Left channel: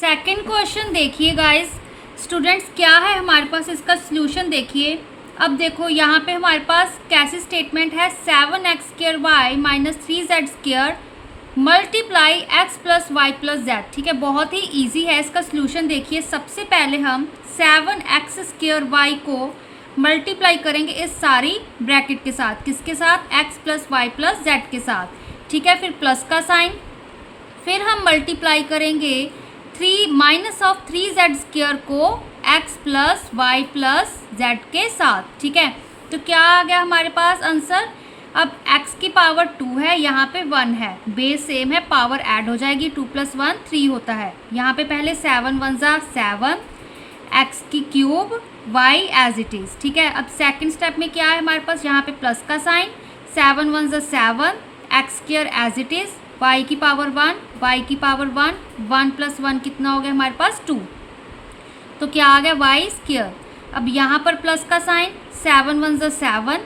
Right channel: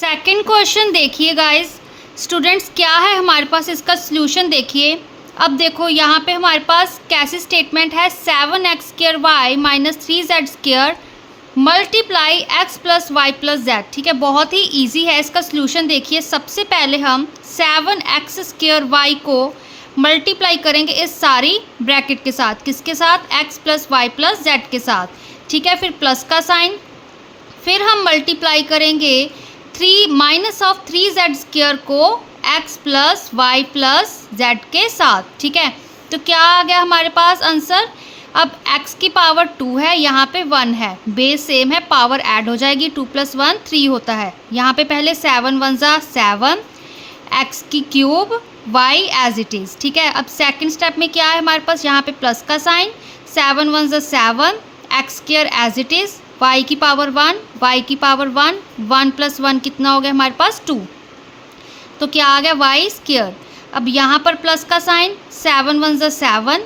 Second question देखिए guys students, क्या है हमारे पास इसका सोल्यूशन देखिए। अब देखो यहाँ पे हमारे पास कैसी स्टेटमेंट है, 7x² y - 3z² multiply x + y + z। ठीक है, बहुत ही इजी है। इसका सोल्यूशन देखिए, सबसे पहले हम 7x² y को मल्टीप्लाई करेंगे इस सारी ब्रैकेट के साथ। किसके साथ? x + y + z के साथ। ठीक है, फिर प्लस का साइन, फिर हम मल्टीप्लाई करेंगे 3 को x + y + z के साथ। ठीक है, तो क्या आ गया हमारे पास आंसर। अब x की पावर 2 है, यहाँ पे 1 है, बेस सेम है, पावर ऐड हो जाएगी, 2 + 1 3 होता है। यहाँ पे पहले 7 × 1 = 7, x की cube y as it is. ठीक है, अब सेकंड स्टेप में क्या है हमारे पास, यहाँ पे प्लस का sign, 7 × 1 = 7, x² as it is, y की पावर 1, y की पावर 1, 1 + 1 कितना हो गया हमारे पास 2, तो क्या आ गया y²। अब यहाँ पर प्लस का sign, 7 × 1 = 7,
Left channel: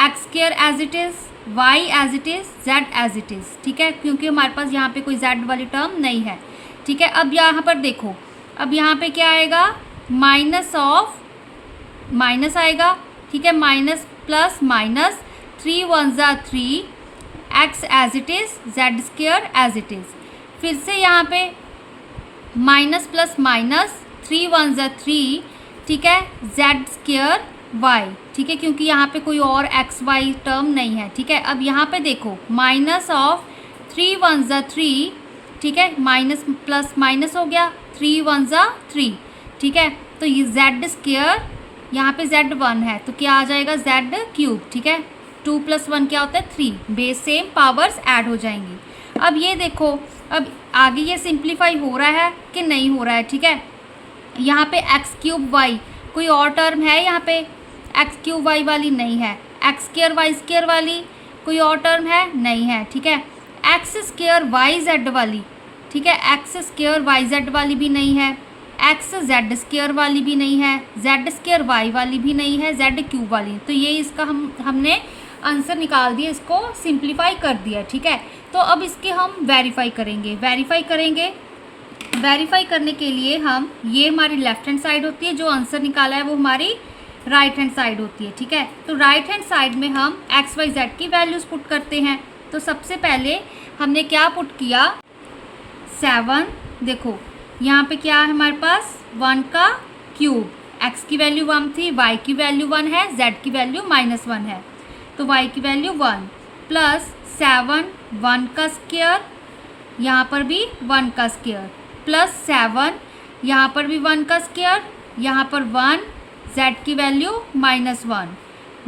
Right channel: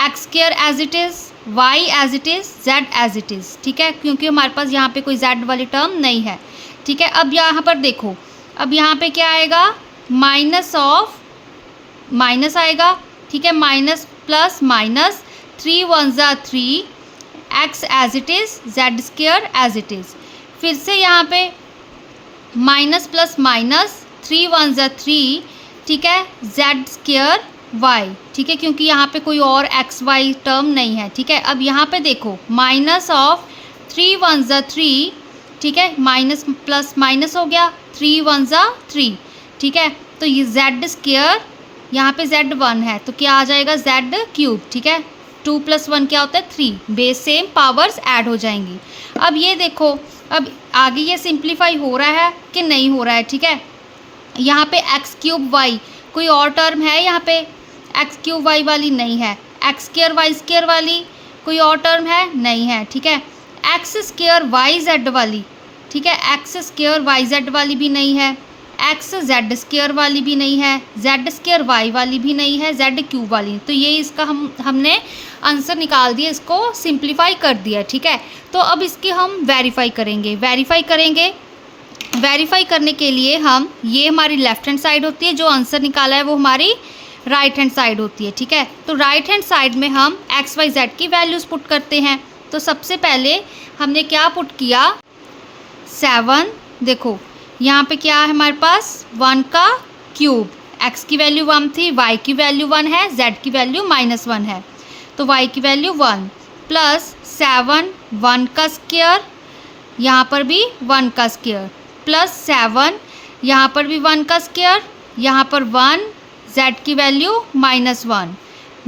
x² as it is, y as it is, z as it is. ठीक है, क्योंकि हमारे पास यहाँ पे कोई z वाली टर्म नहीं है। ठीक है, अब यहाँ पर देखो, अब यहाँ पे क्या आएगा, माइनस ऑफ माइनस आएगा। ठीक है, minus plus minus, 3 × 1 = 3, x as it is, z² as it is. फिर से यहाँ पे माइनस प्लस माइनस, 3 × 1 = 3। ठीक है, z² y। ठीक है, क्योंकि यहाँ पे कोई और एक्स वाई टर्म नहीं है। ठीक है, अब यहाँ पे देखो, माइनस ऑफ 3 × 1 = 3। ठीक है, माइनस प्लस माइनस हो गया, 3 × 1 = 3। ठीक है, तो ये z², यहाँ पे z1 है, तो क्या आ जाएगा z³। ठीक है, 2 + 1 क्या होता है 3, बेस सेम, पावर्स ऐड हो जाएंगी। अब ये देखो, अब आगे ये सिंप्लीफाई हो रहा है कि नहीं हो रहा है। ठीक है, यहाँ पे x³ y, कोई और टर्म है यहाँ पे x³ y वाली नहीं है, x² y² वाली कोई और टर्म है नहीं है। ठीक है, x² yz वाली, ठीक है, x² yz वाली भी नहीं है, xz² वाली भी नहीं है, z² y वाली भी नहीं है, z³ वाली। तो ये इसका हमने आंसर निकाल दिया, इसको सिंप्लीफाई कर दिया। ठीक है, तो अब इसकी हम वेरीफाई करेंगे। वेरीफाई करने के लिए हम, ये हमारी लेफ़्ट हैंड साइड होती है, जो आंसर निकाला है वो हमारी राइट हैंड साइड होती है। ठीक है, तो राइट हैंड साइड में हम x y z की वैल्यूज़ पुट करते हैं। तो सबसे पहले हमने क्या पुट किया, 7। देखो यहाँ पे क्या है हमारे पास, 1 का क्यूब, x की वैल्यू 1 थी, y की वैल्यू 1 है, z की वैल्यू -1 है, तो y की वैल्यू 1 प्लस 7 1 का स्क्वायर, यहाँ पर भी 1 का स्क्वायर, प्लस 7 यहाँ पर भी 1 का स्क्वायर, यहाँ पर 1, z की वैल्यू -1,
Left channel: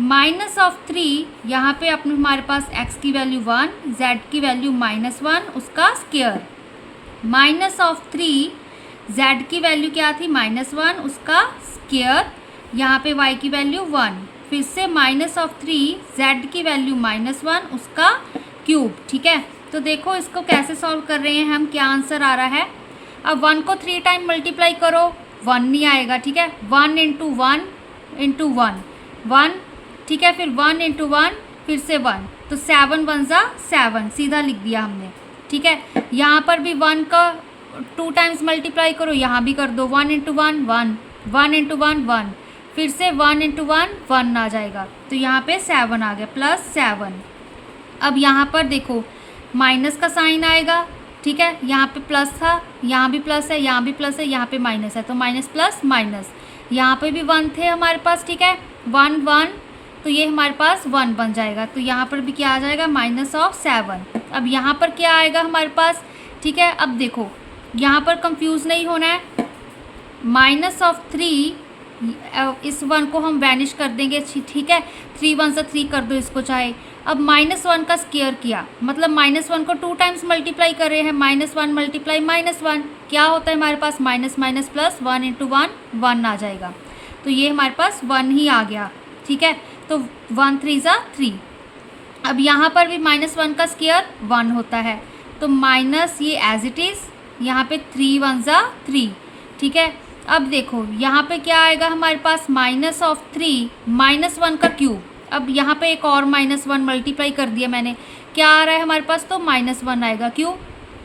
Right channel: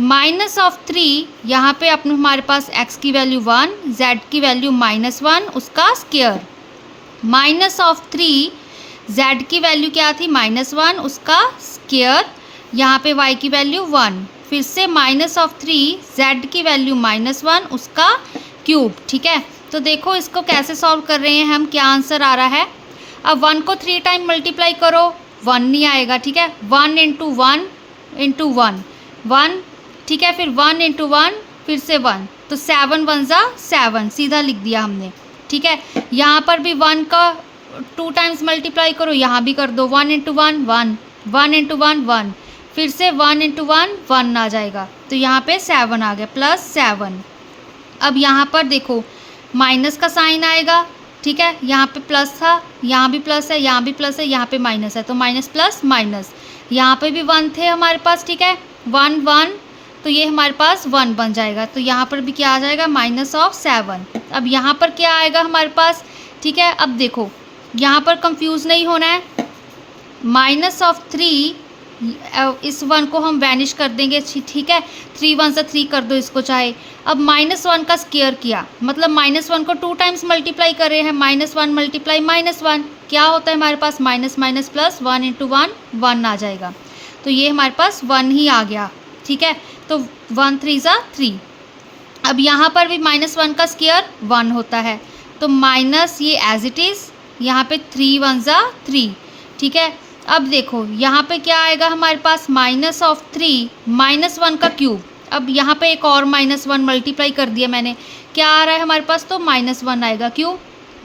माइनस ऑफ 3, यहाँ पे अपने हमारे पास x की वैल्यू 1, z की वैल्यू -1, उसका स्क्वायर, माइनस ऑफ 3, z की वैल्यू क्या थी -1, उसका स्क्वायर, यहाँ पे y की वैल्यू 1, फिर से माइनस ऑफ 3, z की वैल्यू -1, उसका क्यूब। ठीक है, तो देखो इसको कैसे सॉल्व कर रहे हैं हम, क्या आंसर आ रहा है। अब 1 को 3 टाइम मल्टीप्लाई करो, 1 नहीं आएगा। ठीक है, 1 × 1 × 1 1, ठीक है, फिर 1 × 1, फिर से 1, तो 7 × 1 = 7, सीधा लिख दिया हमने। ठीक है, यहाँ पर भी 1 का 2 टाइम्स मल्टीप्लाई करो, यहाँ भी कर दो, 1 × 1 1, 1 × 1 1, फिर से 1 × 1 1 आ जाएगा, तो यहाँ पे 7 आ गया, +7। अब यहाँ पर देखो माइनस का साइन आएगा। ठीक है, यहाँ पे प्लस था, यहाँ भी प्लस है, यहाँ भी प्लस है, यहाँ पे माइनस है, तो माइनस प्लस माइनस, यहाँ पे भी 1 थे हमारे पास। ठीक है, 1 1, तो ये हमारे पास 1 बन जाएगा, तो यहाँ पर भी क्या आ जाएगा, -7। अब यहाँ पर क्या आएगा हमारे पास। ठीक है, अब देखो यहाँ पर कंफ्यूज नहीं होना है, -3, इस 1 को हम वैनिश कर देंगे। ठीक है, 3 × 1 = 3 कर दो इसको चाहे। अब -1 का स्क्वायर किया, मतलब -1 को 2 टाइम्स मल्टीप्लाई कर रहे हैं, -1 × -1 क्या होता है हमारे पास, माइनस माइनस प्लस, 1 × 1 1 आ जाएगा, तो ये हमारे पास 1 ही आ गया। ठीक है, तो 1 3 = 3। अब यहाँ पर भी -1 का स्क्वायर 1 होता है, तो माइनस ये एज इट इज़, यहाँ पे 3 × 1 = 3। ठीक है, अब देखो यहाँ पे क्या आएगा हमारे पास, माइनस ऑफ 3, -1 का क्यूब। अब यहाँ पे एक और -1 मल्टीप्लाई कर दिया मैंने, क्या आ रहा है हमारे पास, तो -1 आएगा। क्यों,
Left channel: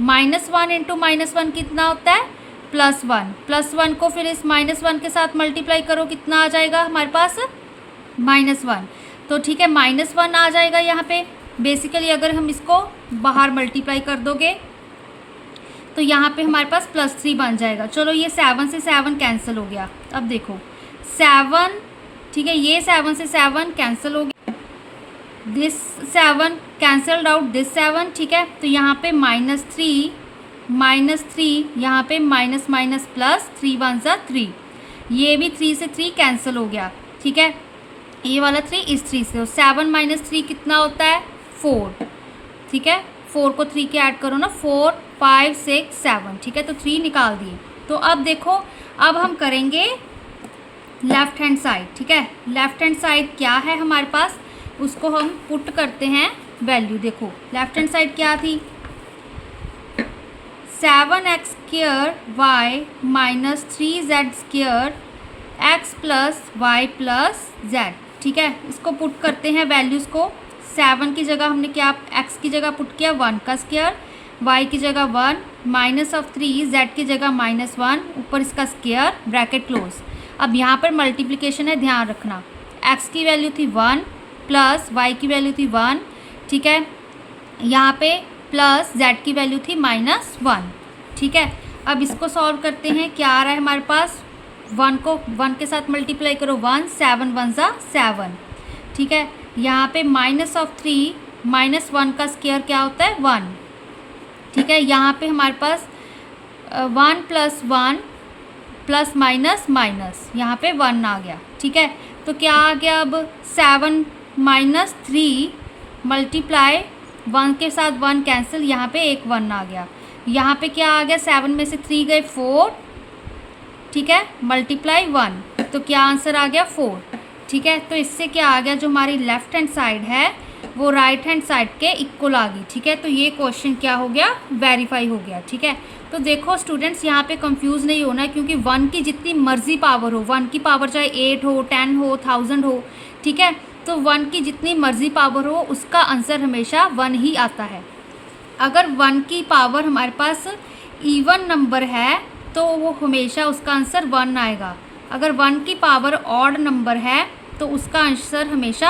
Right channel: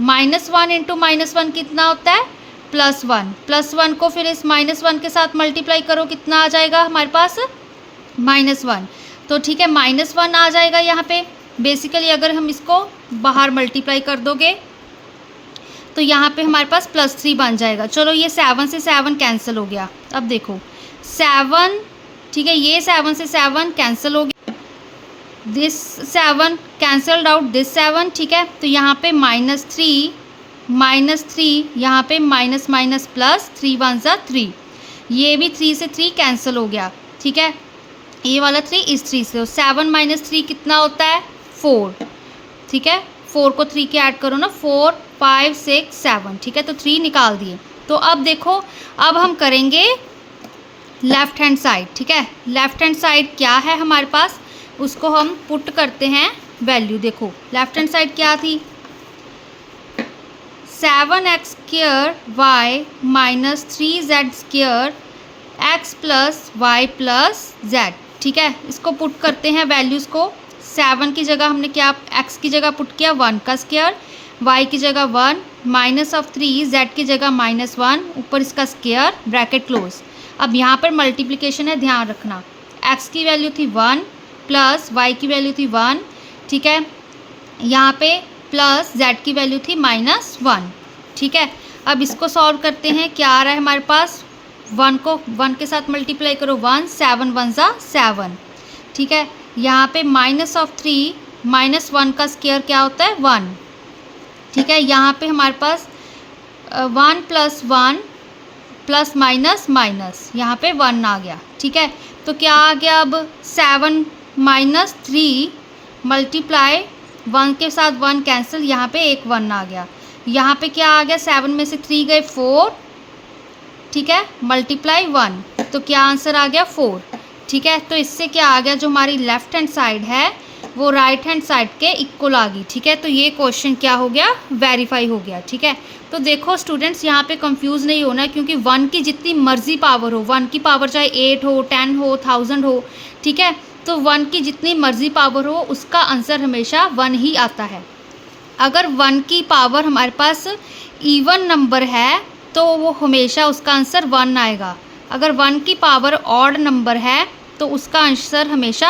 -1 × -1 कितना होता है, +1 को फिर इस -1 के साथ मल्टीप्लाई करो, कितना आ जाएगा हमारे पास -1। तो ठीक है, -1 आ जाएगा यहाँ पे। बेसिकली अगर हम इसको बाहर मल्टीप्लाई कर दोगे तो यहाँ पे हमारे पास +3 बन जाएगा। चलो ये 7 से 7 कैंसिल हो गया। अब देखो 7, ठीक है, ये 7 से 7 कैंसिल हो गया, दिस 7 कैंसल्ड आउट दिस 7, ठीक है। तो यहाँ पे -3 यहाँ पे माइनस माइनस प्लस, 3 1 सा 3, ये भी 3 से 3 कैंसिल हो गया, ठीक है। ये वाला 3 इस 3 से, 7 - 3 कितना होता है 4, ठीक है। 4 को 3 के ऐड करो ना, 4 5 6 7, ठीक है। तो 3 निकाल दिए। तो अब देखो, अब हम करेंगे लेफ़्ट हैंड साइड, ठीक है। लेफ़्ट हैंड साइड क्या है हमारे पास, उसको हम पुट करते हैं वैल्यू। देखो लेफ़्ट हैंड साइड क्या थी, 7x² y - 3z² x + y + z, ठीक है। इसको पुट करते हैं वैल्यूज़ को। 7 की जगह हमने क्या, x की जगह पुट किया 1 का स्क्वायर, y की जगह 1, -3 z की जगह -1, ऊपर इसका स्क्वायर, ब्रैकेट क्लोज। अब यहाँ पर मल्टीप्लिकेशन है, ध्यान रखना। x की वैल्यू थी 1 प्लस y की वैल्यू थी 1, ठीक है। यहाँ पे प्लस z की वैल्यू थी -1, ठीक है। अब इसको सॉल्व करते हैं, क्या आ रहा है हमारे पास, 1 को 1 के साथ मल्टीप्लाई करो, 1 7 1 सा 7, ठीक है। यहाँ पे -3 -1 का स्क्वायर क्या होता है 1, ठीक है। यहाँ पे हमारे पास 1 + 1 प्लस माइनस माइनस, यहाँ पे 1 आ गया, ठीक है। तो क्या आ गया, अब 7 - 3 मल्टीप्लाई 1 के साथ 1 कैंसिल, यहाँ पे एक 1 आ गया। यहाँ पे क्या आ गया, 7 में से 3 गए 4, ठीक है, मल्टीप्लाई 1, तो क्या आंसर आ गया 4, ठीक है। तो इससे क्या आ गया, जो हमारी लेफ़्ट हैंड साइड है वो राइट हैंड साइड के इक्वल आ गई, ठीक है। तो ये क्वेश्चन क्या हो गया, वेरीफाई हो गया, ठीक है। तो देखो स्टूडेंट्स, यहाँ पे कंफ्यूज नहीं होना, क्योंकि 1 की जितनी मर्जी पावर हो, 1 की पावर चाहे 8 हो 10 हो 1000 हो, ठीक है। तो 1 की जितनी मर्जी पावर हो उसका आंसर हमेशा 1 ही आता है। अगर 1 की पावर हमारे पास इवन नंबर है तो वो हमेशा उसका आंसर 1 आएगा। अगर 1 की पावर ऑड नंबर है तो उसका आंसर हमेशा,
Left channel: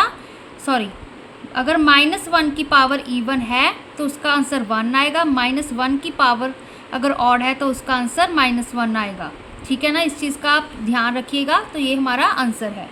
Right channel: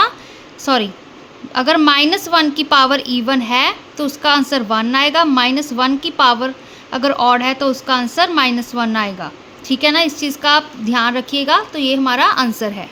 अगर -1 की पावर इवन है तो उसका आंसर 1 आएगा, -1 की पावर अगर ऑड है तो उसका आंसर -1 आएगा, ठीक है ना। इस चीज़ का आप ध्यान रखिएगा। तो ये हमारा आंसर है।